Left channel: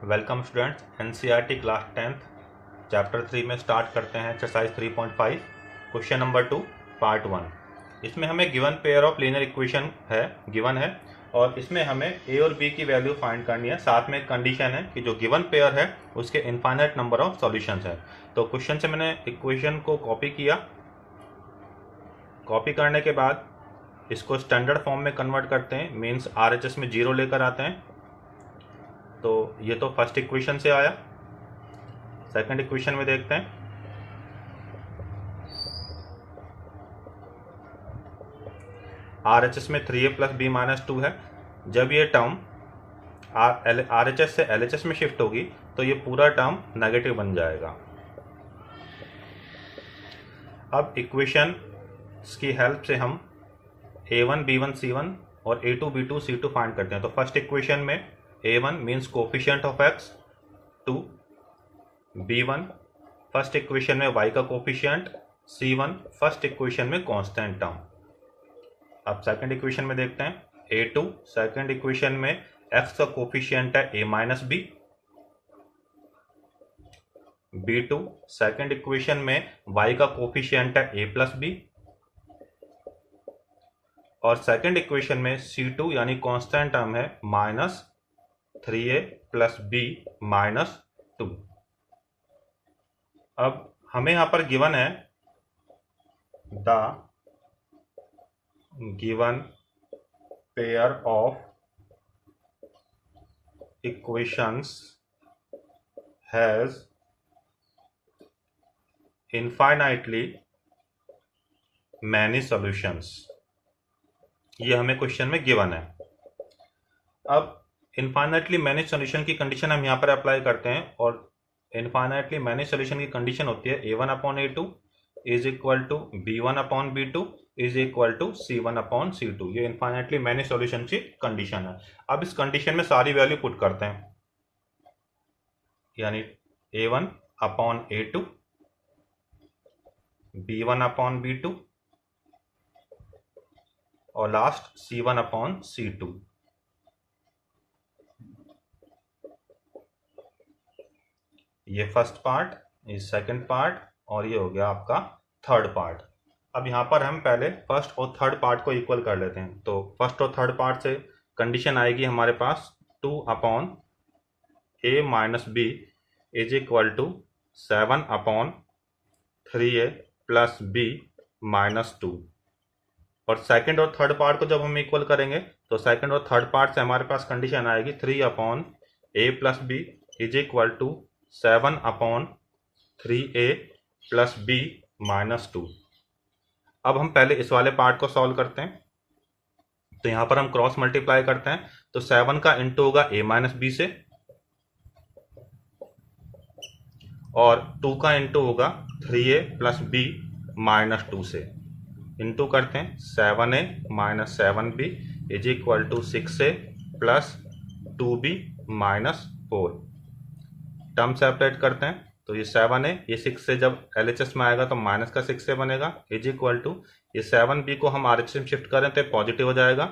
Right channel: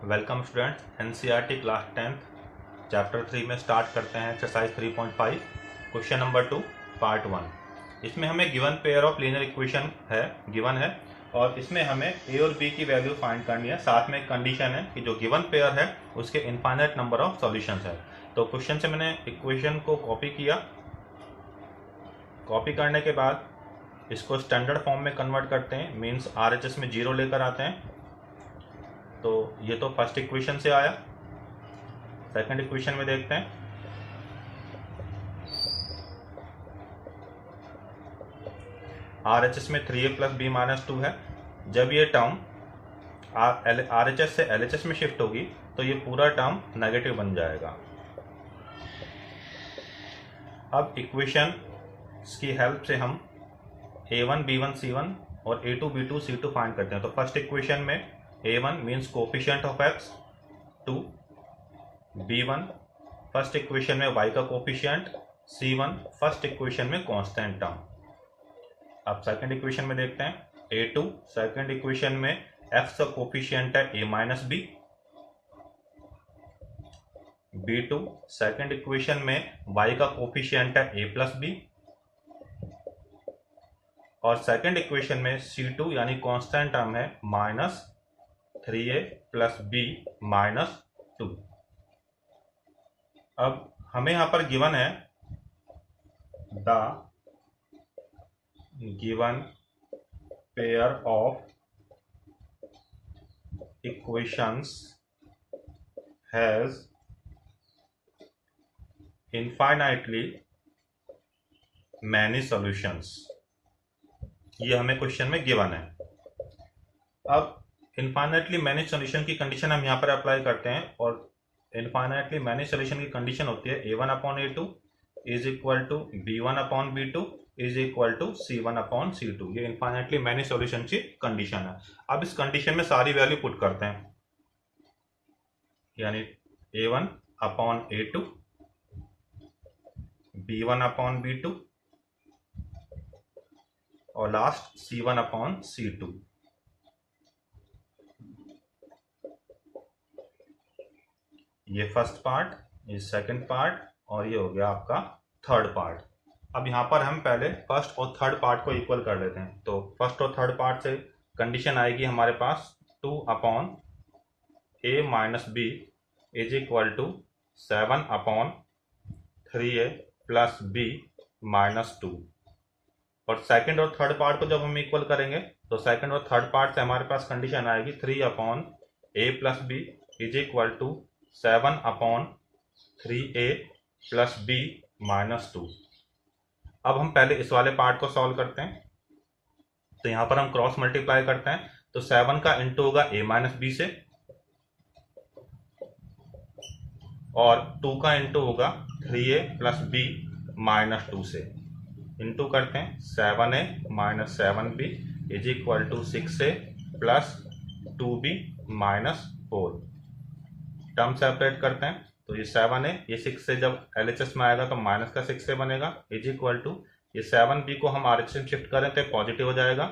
Welcome students, NCERT class 10th chapter 3 में start करते हैं एक्सरसाइज 3.5 क्वेश्चन नंबर 2 पार्ट 1। इसमें हमें given pair of linear equation given है और इसमें हमें ए और बी की वैल्यू फाइंड करनी है। साथ में एक कंडीशन है कि जो गिवन पेयर है उसके इनफाइनाइट नंबर ऑफ सॉल्यूशंस है। तो क्वेश्चन से मैंने इक्वेशन को कॉपी किया। कॉपी करने के बाद इसको स्टैंडर्ड फॉर्म में कन्वर्ट करते हैं, मीन्स आरएचएस में 0 लेकर आते हैं। तो ये तो फर्स्ट इक्वेशन से आया। सेकंड इक्वेशन में देखते हैं। आरएचएस में 3a प्लस बी माइनस 2 है। जब ये टर्म आरएचएस से एलएचएस में शिफ्ट होगी तो ये पूरा टर्म नेगेटिव बन जाएगा। अब इक्वेशन की हेल्प से हम a1 b1 c1 और a2 b2 c2 फाइंड करते हैं। तो फर्स्ट इक्वेशन में a1 means coefficient of x 2, b1 first equation में y का कोफिशिएंट, c1 फर्स्ट इक्वेशन में कांस्टेंट टर्म। अब सेकंड इक्वेशन में देखते हैं a2 सेकंड इक्वेशन में x का कोफिशिएंट है a minus b, b2 second equation में y का कोफिशिएंट है a प्लस बी, और सेकंड इक्वेशन में c2 यानी कांस्टेंट टर्म है minus 3a plus b minus 2। अब हमें यहां पर गिवन है the given pair of equations has infinitely many solutions. ये हमें क्वेश्चन में गिवन है। अब इनफाइनाइटली मैनी सॉल्यूशन की कंडीशन हम यहाँ पर अप्लाई करते हैं, और इनफाइनाइटली मैनी सॉल्यूशन की कंडीशन होती है a1 upon a2 is equal to b1 upon b2 is equal to c1 upon c2। ये इनफाइनाइटली मैनी सॉल्यूशन की कंडीशन है। अब इस कंडीशन में सारी वैल्यू पुट करते हैं, यानी a1 upon a2, b1 upon b2 और लास्ट c1 अपॉन c2। ये फर्स्ट पार्ट, ये सेकंड पार्ट, और ये हो गया आपका थर्ड पार्ट। अब यहाँ पर हम पहले फर्स्ट और थर्ड पार्ट को इक्वल कर लेते हैं। तो फर्स्ट और थर्ड पार्ट से कंडीशन आएगी हमारे पास 2 upon a minus b is equal to 7 upon 3a plus b minus 2। और सेकंड और थर्ड पार्ट को जब हम इक्वल करेंगे तो सेकंड और थर्ड पार्ट से हमारे पास कंडीशन आएगी 3 upon a plus b is equal to 7 upon 3a plus b minus 2। अब हम पहले इस वाले पार्ट को सॉल्व करते हैं। तो यहां पर हम क्रॉस मल्टीप्लाई करते हैं, तो 7 का इंटू होगा a माइनस बी से, और 2 का इंटू होगा 3a प्लस बी माइनस 2 से। इंटू करते हैं 7a minus 7b is equal to 6a plus 2b minus 4। Term separate करते हैं, तो ये 7a ये 6 से जब LHS में आएगा तो माइनस का 6 से बनेगा इज इक्वल टू ये 7b को हम RHS में शिफ्ट करें तो पॉजिटिव हो जाएगा,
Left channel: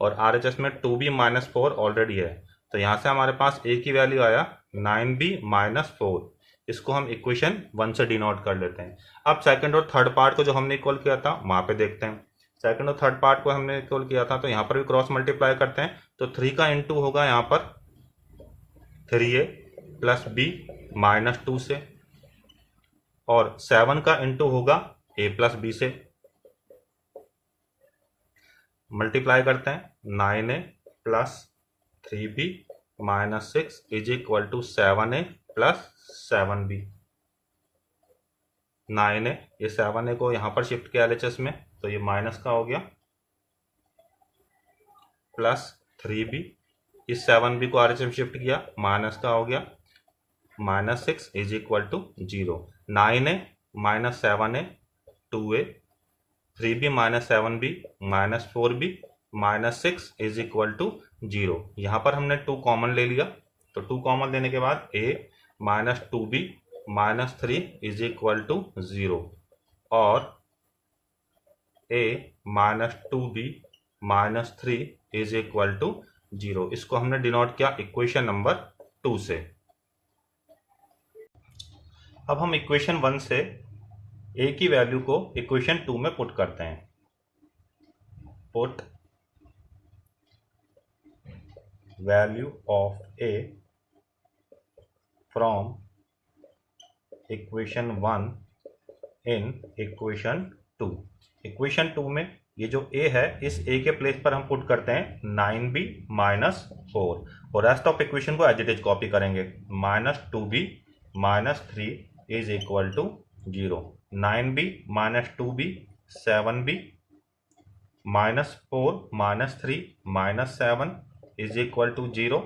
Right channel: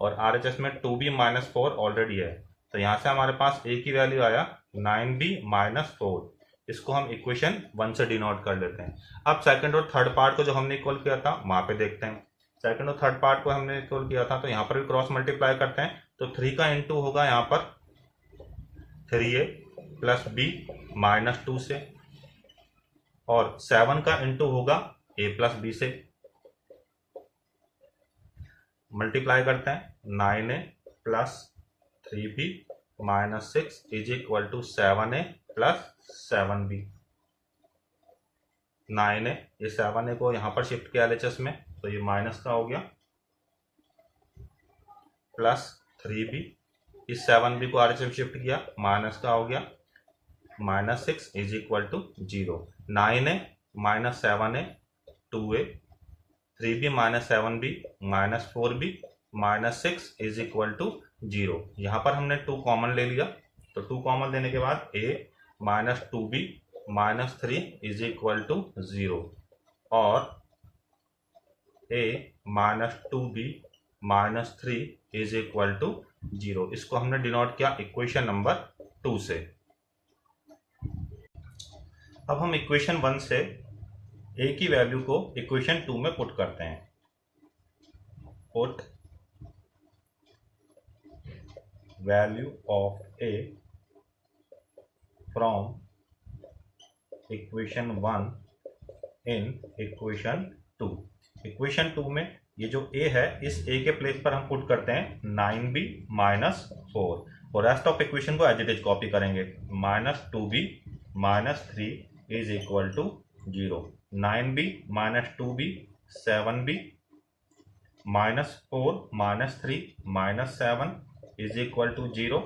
और RHS में 2b माइनस 4 ऑलरेडी है। तो यहाँ से हमारे पास a की वैल्यू आया 9b माइनस 4। इसको हम इक्वेशन 1 से डिनोट कर लेते हैं। अब सेकंड और थर्ड पार्ट को जो हमने इक्वल किया था वहां पे देखते हैं। सेकंड और थर्ड पार्ट को हमने इक्वल किया था, तो यहाँ पर भी क्रॉस मल्टीप्लाई करते हैं। तो 3 का इंटू होगा यहाँ पर 3a प्लस बी माइनस 2 से, और 7 का इंटू होगा a प्लस बी से। मल्टीप्लाई करते हैं 9a plus 3b minus 6 is equal to 7a plus 7b। 9a ये 7a को यहां पर शिफ्ट किया LHS में, तो ये माइनस का हो गया, प्लस 3b इस 7b को RHS में शिफ्ट किया, माइनस का हो गया, minus 6 is equal to 0। 9a minus 7a 2a, 3b minus 7b minus 4b minus 6 is equal to 0। यहां पर हमने 2 कॉमन ले लिया, तो 2 कॉमन लेने के बाद a minus 2b minus 3 is equal to 0, और a minus 2b minus 3 is equal to 0। इसको हमने डिनोट किया इक्वेशन नंबर 2 से। अब हम इक्वेशन 1 से a की वैल्यू को इक्वेशन 2 में पुट करते हैं। Put value of a from equation 1 in equation 2। Equation 2 में ये जो a है, इस a के प्लेस पर हम पुट करते हैं 9b माइनस 4 और रेस्ट ऑफ इक्वेशन को एज इट इज कॉपी करेंगे। Minus 2b minus 3 is equal to 0। 9b minus 2b 7b minus 4 minus 3 minus 7 is equal to 0।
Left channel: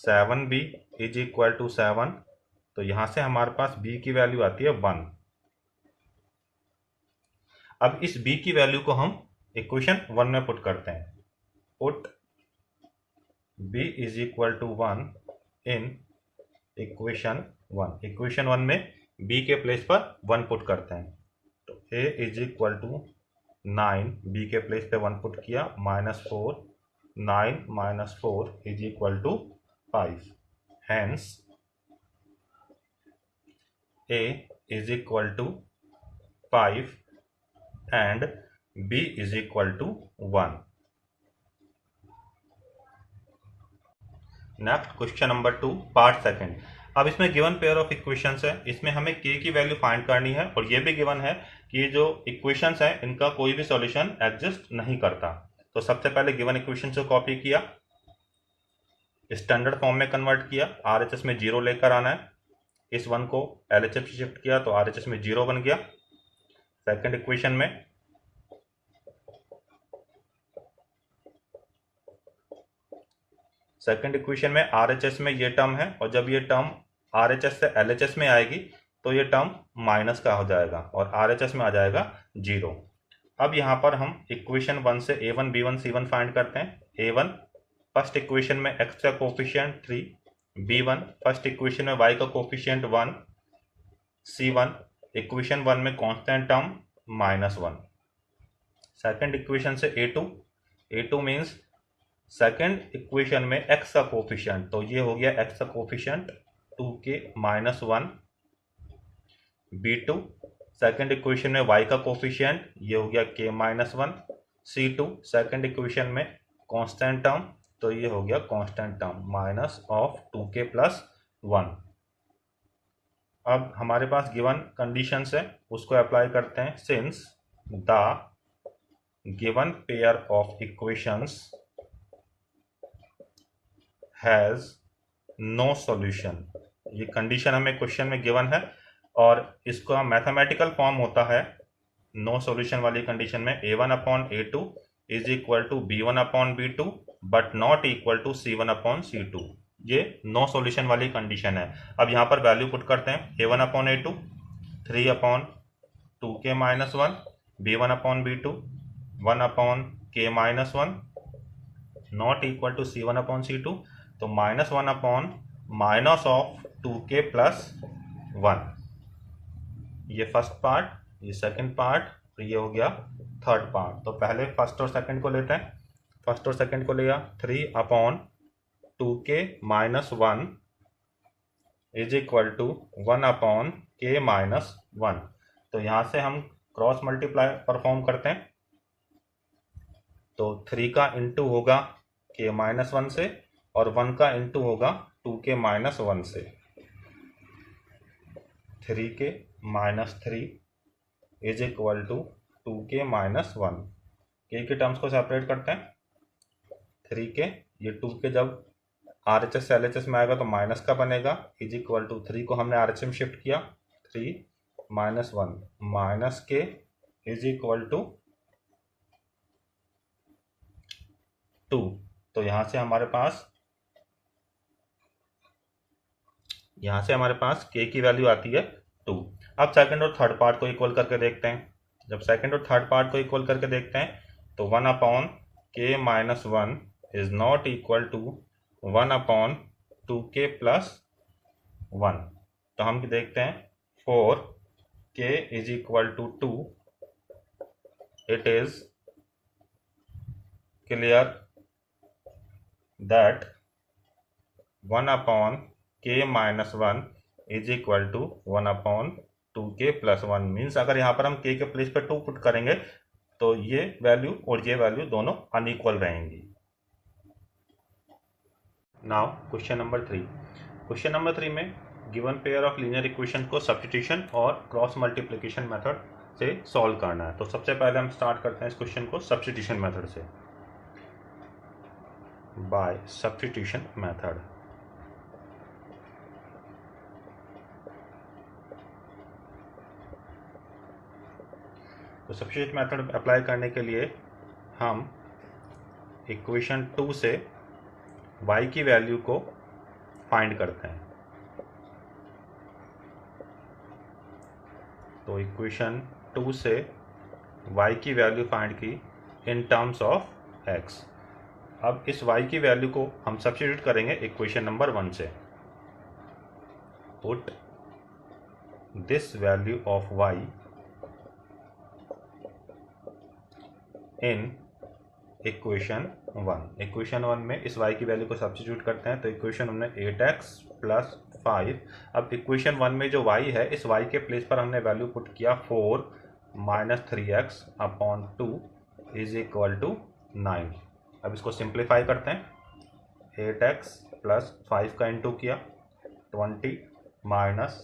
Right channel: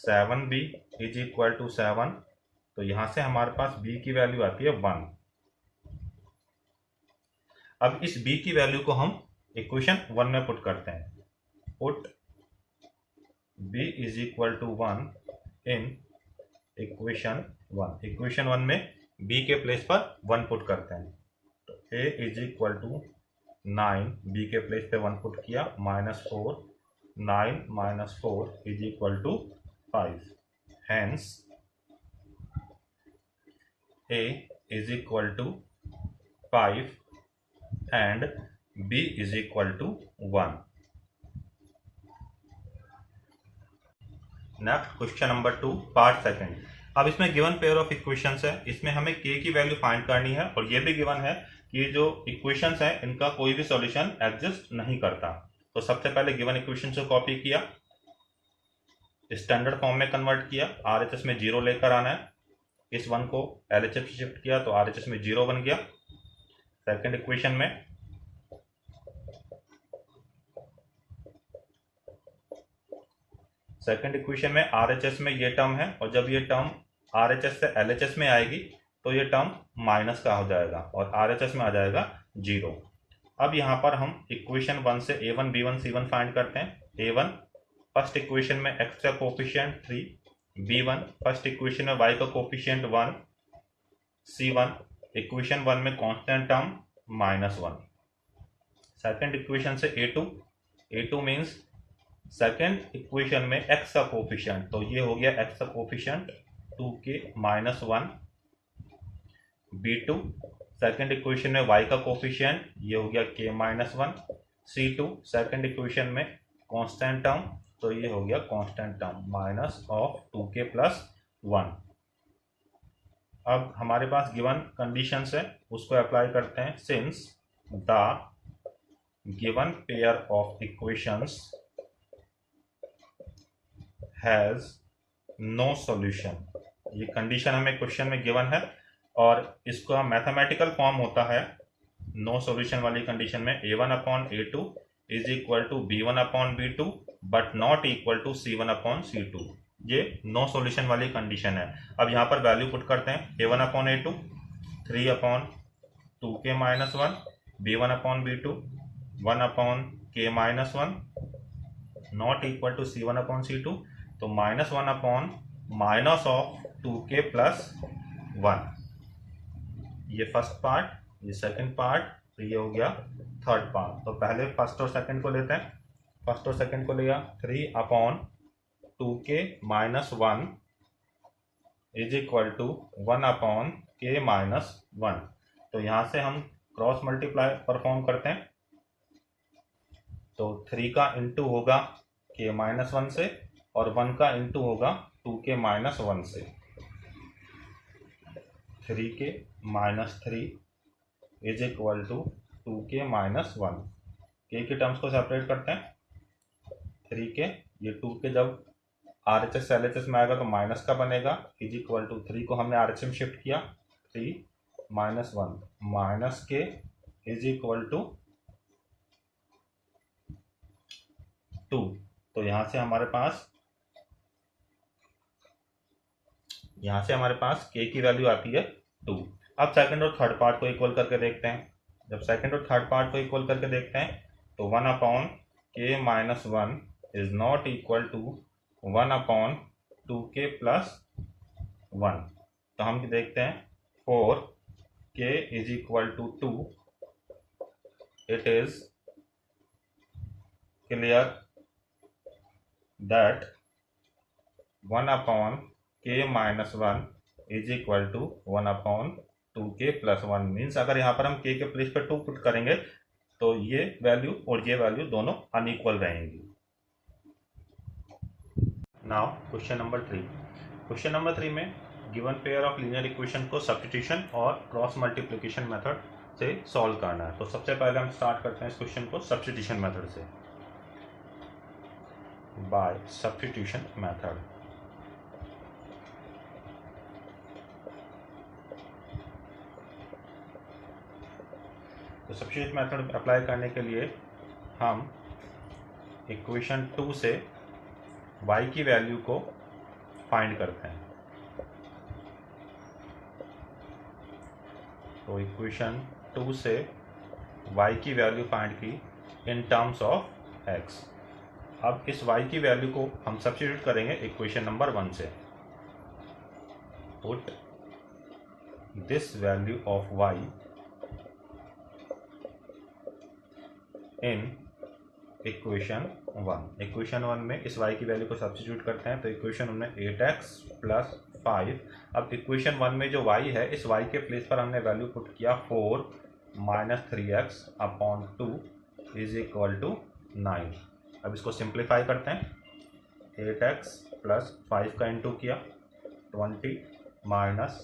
7b is equal to 7। तो यहां से हमारे पास b की वैल्यू आती है 1। अब इस b की वैल्यू को हम इक्वेशन 1 में पुट करते हैं। Put b is equal to 1 in equation 1। Equation 1 में b के प्लेस पर 1 पुट करते हैं। तो a is equal to 9, b के प्लेस पे 1 पुट किया, minus 4, 9 minus 4 is equal to 5। Hence a is equal to 5 and b is equal to 1। Next question number 2 part second. अब इसमें गिवन पेयर ऑफ इक्वेशंस है, इसमें हमें k की value find करनी है और ये भी गिवन है कि ये जो इक्वेशंस हैं इनका कोई भी सॉल्यूशन एग्जिस्ट नहीं करता। तो सबसे पहले गिवन इक्वेशन को कॉपी किया, स्टैंडर्ड फॉर्म में कन्वर्ट किया, RHS में 0 लेकर आना है। इस 1 को LHS शिफ्ट किया तो RHS में 0 बन गया। सेकंड इक्वेशन में RHS में ये टर्म है और जब ये टर्म RHS से LHS में आएगी तो ये टर्म माइनस का हो जाएगा और RHS में आ जाएगा 0। अब यहाँ पर हम इक्वेशन 1 से a1 b1 c1 फाइंड करते हैं। a1 फर्स्ट इक्वेशन में x का कोफिशिएंट 3, b1 फर्स्ट इक्वेशन में y का कोफिशिएंट 1, c1 इक्वेशन 1 में कांस्टेंट टर्म -1। सेकंड इक्वेशन से a2 मीन्स सेकंड इक्वेशन में x का कोफिशिएंट, तो ये हो गया x का coefficient 2k -1। b2 second equation में y का कोफिशिएंट, ये हो गया k -1। c2 सेकंड इक्वेशन में कांस्टेंट टर्म, तो ये हो गया constant term minus of 2k + 1। अब हमारे पास गिवन कंडीशंस है, उसको अप्लाई करते हैं। Since the given pair of equations has no solution, ये कंडीशन हमें क्वेश्चन में गिवन है और इसका मैथमेटिकल फॉर्म होता है नो सॉल्यूशन वाली कंडीशन में a1/a2 is equal to b1/b2 but not equal to c1/c2। ये नो सॉल्यूशन वाली कंडीशन है। अब यहाँ पर वैल्यू पुट करते हैं। a1/a2 3/2k -1, b1/b2 1/k -1 not equal to c1/c2, तो -1/ माइनस ऑफ 2k + 1। ये फर्स्ट पार्ट, ये सेकंड पार्ट, तो ये हो गया थर्ड पार्ट। तो पहले फर्स्ट और सेकंड को लेते हैं। फर्स्ट और सेकंड को लिया 3/2k -1 is equal to 1/k -1। तो यहाँ से हम क्रॉस मल्टीप्लाई परफॉर्म करते हैं। तो 3 का इंटू होगा k -1 से और 1 का इंटू होगा 2k -1 से। 3k -3 is equal to 2k -1। k के टर्म्स को सेपरेट करते हैं। 3k, ये 2k जब RHS से LHS में आएगा तो माइनस का बनेगा, इज इक्वल टू 3 को हमने RHS में शिफ्ट किया, 3 -1 minus k is equal to 2। तो यहाँ से हमारे पास k की वैल्यू आती है 2। अब सेकंड और थर्ड पार्ट को इक्वल करके देखते हैं। जब सेकंड और थर्ड पार्ट को इक्वल करके देखते हैं तो 1/k -1 is not equal to 1/2k + 1। तो हम देखते हैं 4k is equal to 2। It is clear that 1 upon K minus 1 is equal to 1 upon 2k plus 1। Means अगर यहाँ पर हम k के प्लेस पर 2 पुट करेंगे तो ये वैल्यू और ये वैल्यू दोनों अनइक्वल रहेंगी। Now question number 3। Question number 3 में given pair of linear equation को सब्स्टिट्यूशन और क्रॉस मल्टीप्लिकेशन मेथड से सॉल्व करना है। तो सबसे पहले हम स्टार्ट करते हैं इस क्वेश्चन को सब्स्टिट्यूशन मेथड से, बाय सब्स्टिट्यूशन मेथड। तो सब्स्टिट्यूट मेथड अप्लाई करने के लिए हम इक्वेशन 2 से y की वैल्यू को फाइंड करते हैं। तो इक्वेशन 2 से y की वैल्यू फाइंड की इन टर्म्स ऑफ x। अब इस y की वैल्यू को हम सब्स्टिट्यूट करेंगे इक्वेशन नंबर 1 से। Put this value of y in equation 1। Equation 1 में इस y की वैल्यू को सब्स्टिट्यूट करते हैं। तो इक्वेशन 1 में 8x प्लस 5। अब इक्वेशन 1 में जो y है, इस y के प्लेस पर हमने वैल्यू पुट किया 4 minus 3x upon 2 is equal to 9। अब इसको सिंप्लीफाई करते हैं। 8x प्लस 5 का इंटू किया 20 minus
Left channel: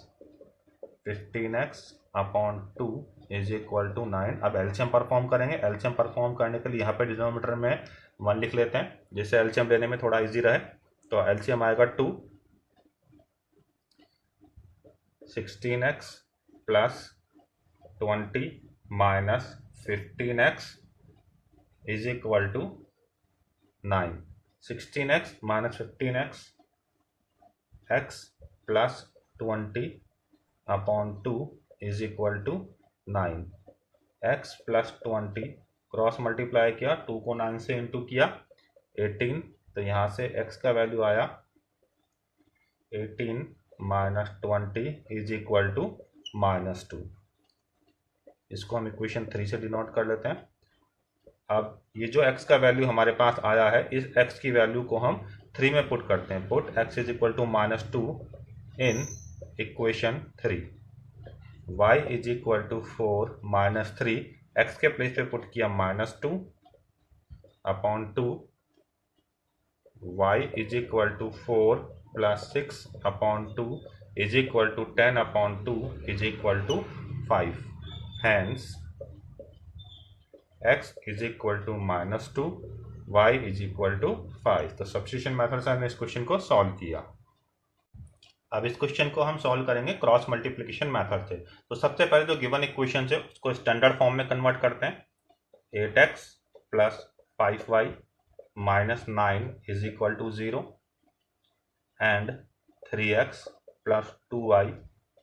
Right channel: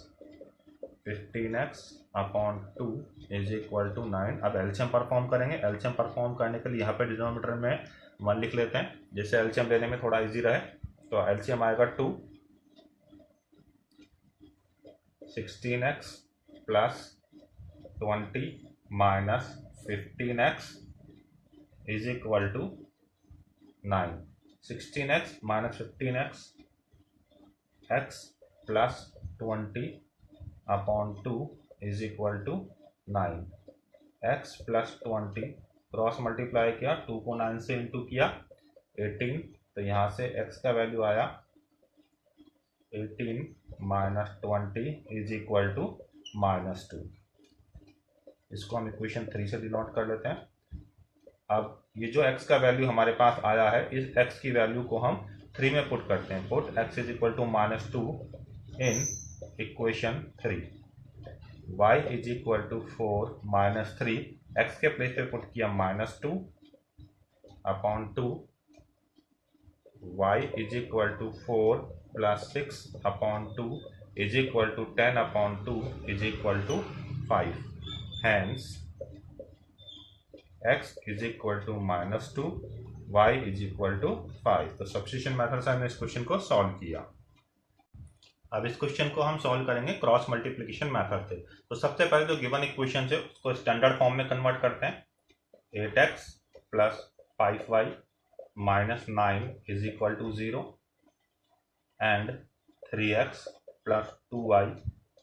15x upon 2 is equal to 9। अब एलसीएम परफॉर्म करेंगे। एलसीएम परफॉर्म करने के लिए यहाँ पे डिनोमिनेटर में 1 लिख लेते हैं, जिससे एलसीएम लेने में थोड़ा इजी रहे। तो एलसीएम आएगा 2, 16x plus 20 minus 15x is equal to 9। 16x minus 15x x plus 20 upon 2 is equal to 9। x plus 20 cross multiply किया, 2 को 9 से इंटू किया 18। तो यहाँ से x का वैल्यू आया 18 माइनस 20 इज इक्वल टू -2। इसको हम इक्वेशन 3 से डिनोट कर लेते हैं। अब ये जो x का वैल्यू हमारे पास आया है, इस x की वैल्यू को हम 3 में पुट करते हैं। Put x is equal to -2 in equation 3। y is equal to 4 minus 3, x के प्लेस पे पुट किया -2 upon 2। y is equal to 4 plus 6 upon 2 is equal to 10 upon 2 is equal to 5। Hence x is equal to -2, y is equal to 5। तो substitution method से हमने इस question को solve किया। अब इस क्वेश्चन को हम सॉल्व करेंगे क्रॉस मल्टीप्लिकेशन मेथड से। तो सबसे पहले जो गिवन इक्वेशन है उसको स्टैंडर्ड फॉर्म में कन्वर्ट करते हैं। 8x plus 5y minus 9 is equal to 0 and 3x plus 2y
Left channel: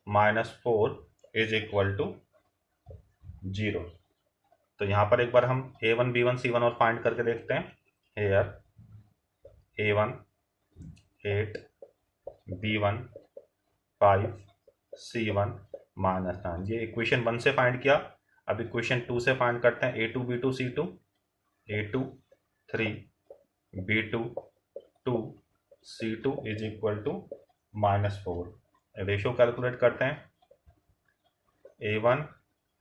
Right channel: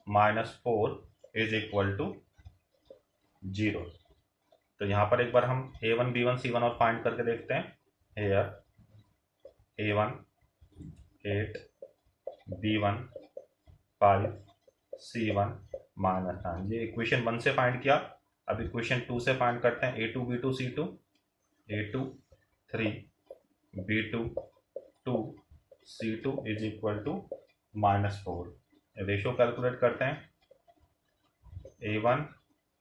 minus 4 is equal to 0। तो यहाँ पर एक बार हम a1 b1 c1 और फाइंड करके देखते हैं। हेयर a1 8 b1 5 c1 -9, ये इक्वेशन 1 से फाइंड किया। अब इक्वेशन 2 से फाइंड करते हैं। a2 b2 c2, a2 3 b2 2 c2 is equal to -4। Ratio calculate करते हैं। a1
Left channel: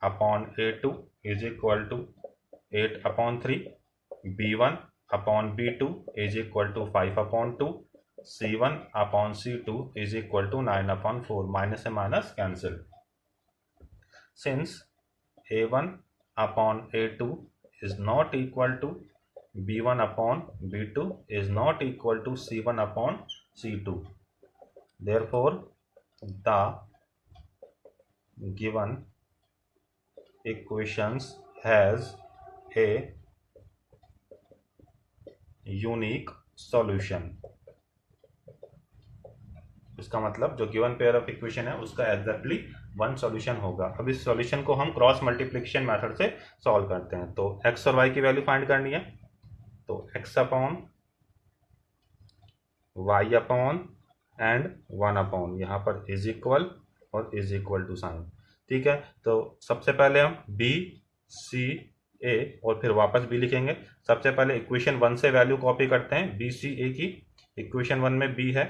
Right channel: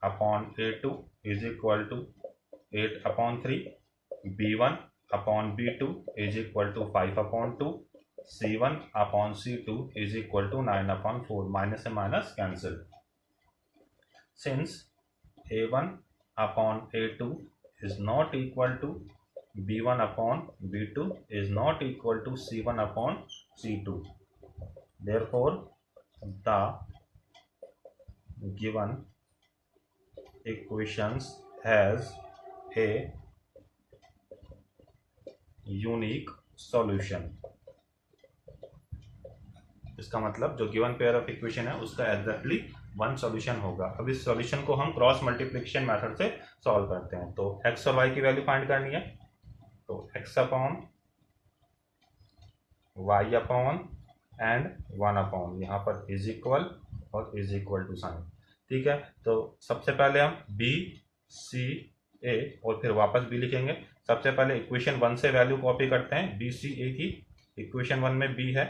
upon a2 is equal to 8 upon 3, b1 upon b2 is equal to 5 upon 2, c1 upon c2 is equal to 9 upon 4। Minus से minus cancel. Since a1 upon a2 is not equal to b1 upon b2 is not equal to c1 upon c2. Therefore, the given equations has a unique solution. इसका मतलब जो given pair of equation है उसका exactly 1 solution होगा। अब इस solution को हम क्रॉस मल्टीप्लिकेशन मेथड से सॉल्व करते हैं। तो x और y की वैल्यू फाइंड करनी है। तो x upon y upon and 1 upon, यहाँ पर इज इक्वल और इज इक्वल टू साइन। ठीक है, तो सबसे पहले हम b c a और फिर वापस b लिखेंगे। सबसे पहले इक्वेशन 1 से वैल्यू कॉपी करते हैं b c a की। इक्वेशन 1 में b है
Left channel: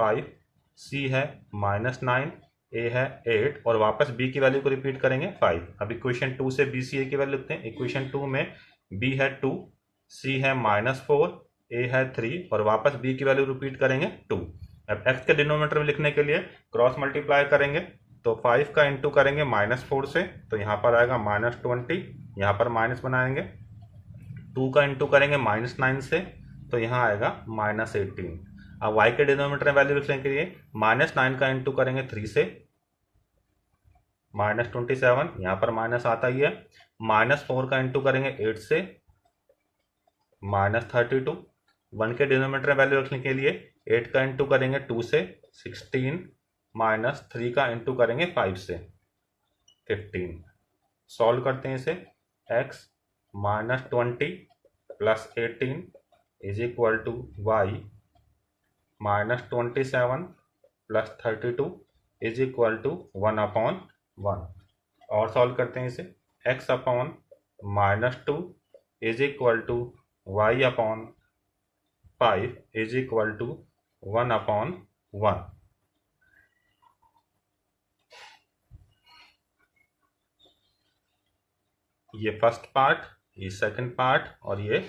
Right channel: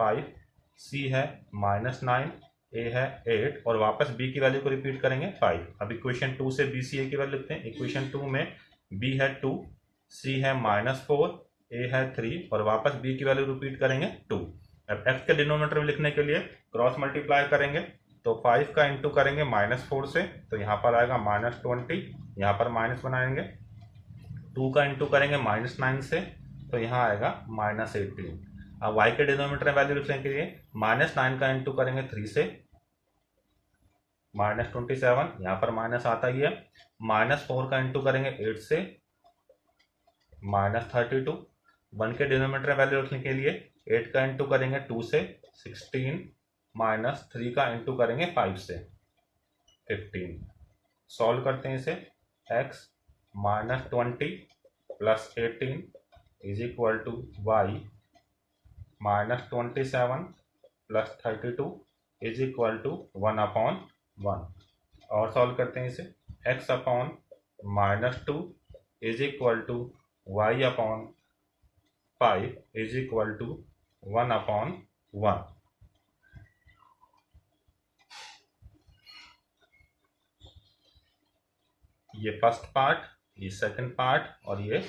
5, सी है -9, ए है 8 और वापस बी की वैल्यू को रिपीट करेंगे 5। अब इक्वेशन 2 से बी सी ए की वैल्यू लिखते हैं। इक्वेशन 2 में बी है 2, सी है -4, ए है 3 और वापस बी की वैल्यू रिपीट करेंगे 2। अब एक्स के डिनोमिनेटर में लिखने के लिए क्रॉस मल्टीप्लाई करेंगे, तो 5 का इंटू करेंगे -4 से, तो यहाँ पर आएगा -20, यहाँ पर माइनस बनाएंगे। 2 का इंटू करेंगे -9 से, तो यहाँ आएगा -18। अब y के डिनोमिनेटर में वैल्यू लिखने के लिए -9 का इंटू करेंगे 3 से, -27, यहाँ पर माइनस आता ही है। -4 का इंटू करेंगे 8 से, -32। 1 के डिनोमिनेटर में वैल्यू रखने के लिए 8 का इंटू करेंगे 2 से, 16, -3 का इंटू करेंगे 5 से, 15। सॉल्व करते हैं इसे। x -20 + 18 is equal to y -27 + 32 is equal to 1/1। और सॉल्व करते हैं इसे। x upon -2 is equal to y/5 is equal to 1/1। ये फर्स्ट पार्ट, ये सेकंड पार्ट और ये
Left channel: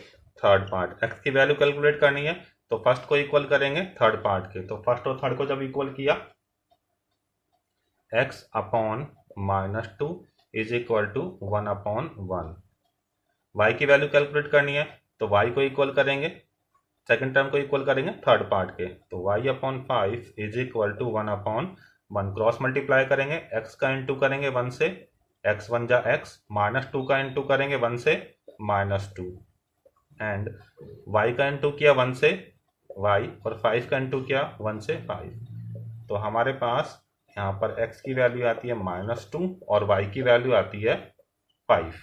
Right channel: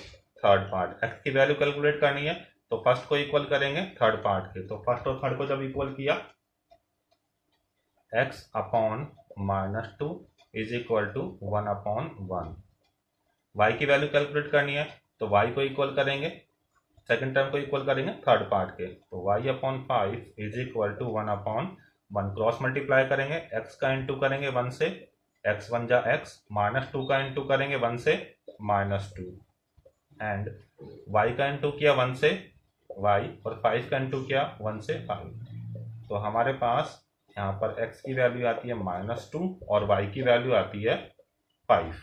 थर्ड पार्ट। x की वैल्यू कैलकुलेट करनी है तो फर्स्ट को इक्वल करेंगे थर्ड पार्ट के। तो फर्स्ट और थर्ड को जब इक्वल किया, x upon -2 is equal to 1/1। y की वैल्यू कैलकुलेट करनी है तो y को इक्वल करेंगे, सेकंड टर्म को इक्वल करेंगे थर्ड पार्ट के, तो y/5 is equal to 1/1। Cross multiply करेंगे, x का इंटू करेंगे 1 से, x1 जा x, -2 का इंटू करेंगे 1 से, -2 एंड y का इंटू किया 1 से y और 5 का इंटू किया 1 से 5। तो हमारे पास यहाँ पर x की वैल्यू आती है -2 और y की वैल्यू आती है 5।